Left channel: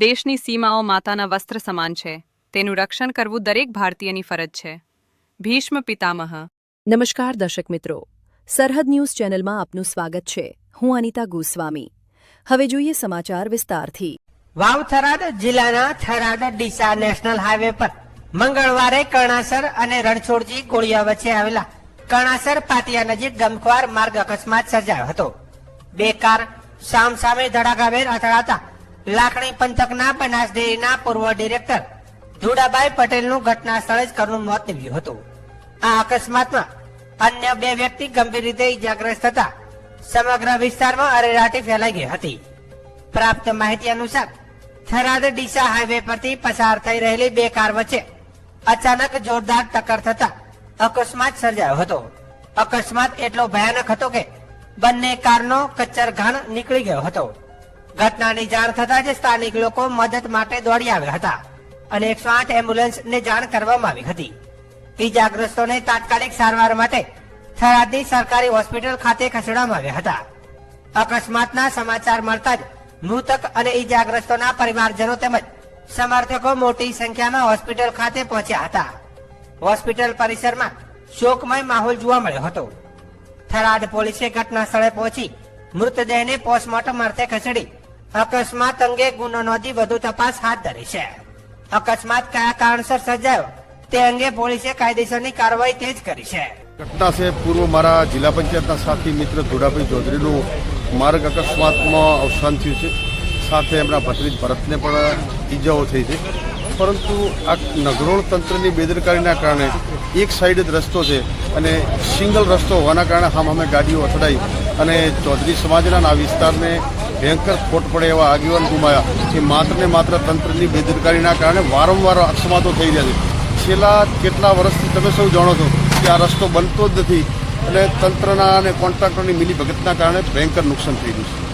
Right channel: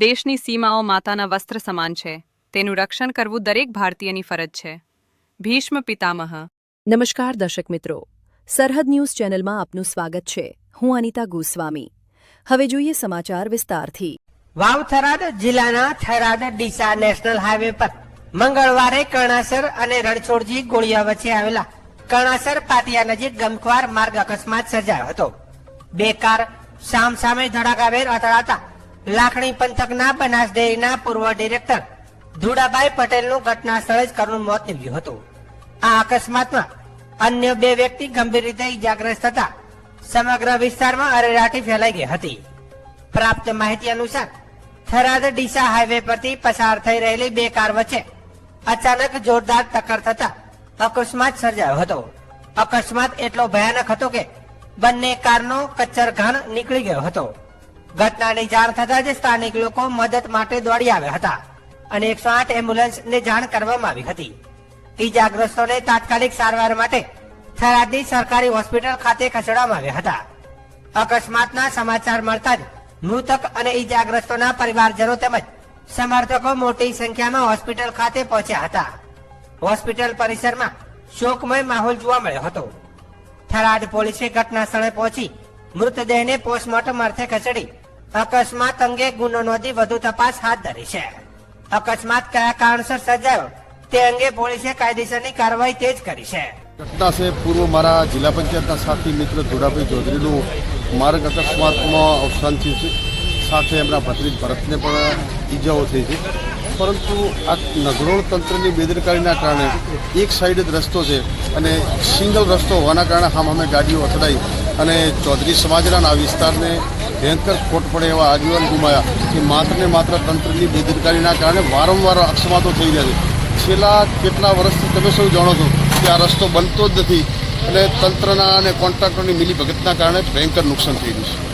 દેશની સીમાઓ માતાના વસ્ત્ર સમાન છે. તેનું રક્ષણ કરવું દરેક ભારતીયની ફરજ છે. ભીષ્મ પિતામહ. નમસ્કાર દર્શક મિત્રો, સરહદ ન્યૂઝ ચેનલમાં આપનું સ્વાગત છે. હું અનિતા ગોસ્વામી. હવે જોઈએ સમાચાર વિસ્તારથી. વાવ થરાદ જિલ્લાના થરાદ ડીસા નેશનલ હાઈવે પર મંગળવારે કર્ણાસર અને રણછોડજી ગોળિયા વચ્ચે આવેલા કર્ણાસર પાટિયા નજીક ગમખ્વાર માર્ગ અકસ્માત સર્જાયો હતો. બે કાર સામસામે ધડાકાભેર અથડાતા લાખણી પંથકના બનાસ ડેરીના પૂર્વ ડિરેક્ટર ધુડાભાઈ પટેલનું ઘટના સ્થળે જ કરુણ મોત નીપજ્યું હતું. આ અકસ્માતમાં અન્ય બે વ્યક્તિ ગંભીર રીતે ઇજાગ્રસ્ત થતા સમગ્ર વિસ્તારમાં અરેરાટી ફેલાઈ ગઈ હતી. પ્રાપ્ત માહિતી અનુસાર થરાદ ડીસા હાઈવે પરથી પસાર થઈ રહેલી બે કાર વચ્ચે અચાનક જોરદાર ટક્કર થતા અકસ્માત સર્જાયો હતો. અકસ્માત એટલો ભયાનક હતો કે બંને કારનો કચ્ચરઘાણ નીકળી ગયો હતો. ઘટનાની જાણ થતા જ સ્થાનિક લોકો મદદ માટે દોડી આવ્યા હતા અને 108 એમ્બ્યુલન્સને જાણ કરવામાં આવી હતી. ઈજાગ્રસ્તોને તાત્કાલિક સારવાર માટે થરાદની સરકારી હોસ્પિટલ ખાતે ખસેડવામાં આવ્યા હતા. અકસ્માતના સમાચાર મળતા જ મૃતક અને ઈજાગ્રસ્તોના પરિવારજનો તેમજ સમર્થકો મોટી સંખ્યામાં હોસ્પિટલ ખાતે પહોંચ્યા હતા. હોસ્પિટલ પરિસરમાં શોકમય માહોલ જોવા મળ્યો હતો. થરાદ પોલીસે ઘટના સ્થળે પહોંચી મૃતદેહને પોસ્ટમોર્ટમ અર્થે ખસેડી અકસ્માત અંગે ગુનો નોંધી વધુ તપાસ હાથ ધરી છે. અકસ્માત કયા કારણસર સર્જાયો તે અંગે પોલીસે કાયદેસરની કાર્યવાહી તેજ કરી છે. ઘટના છે પૂર્વ મારા જિલ્લા પંચાયતના સાથી મિત્ર ધોડાભાઈ ચૌધરીનું માર્ગ અકસ્માતમાં અવસાન થયું છે. સાથે એમના ભત્રીજ ભરતને પણ ઈજાઓ થઈ છે. પરંતુ આ નગરોળ તંત્રની બેદરકારીના કારણે એક સાઈડ જ રસ્તો છે અને સિંગલ રસ્તો હોવાના કારણે સામે ગાડીઓ અથડાઈ અને ચૌધરી સમાજના આ વિસ્તારને ભયંકર ખોટ પડે એવા આગેવાન ગુમાયા કે માત્ર ને માત્ર તંત્રની બેદરકારીના કારણે વારંવાર અકસ્માતો થઈ રહ્યા છે. છેલ્લા કેટલા વર્ષથી તમે સૌ જાણો છો કે આ રસ્તો બનતો જ નથી અને તંત્રના અને કોન્ટ્રાક્ટરની મિલીભગતના કારણે ભયંકર નુકસાન થઈ રહ્યું છે.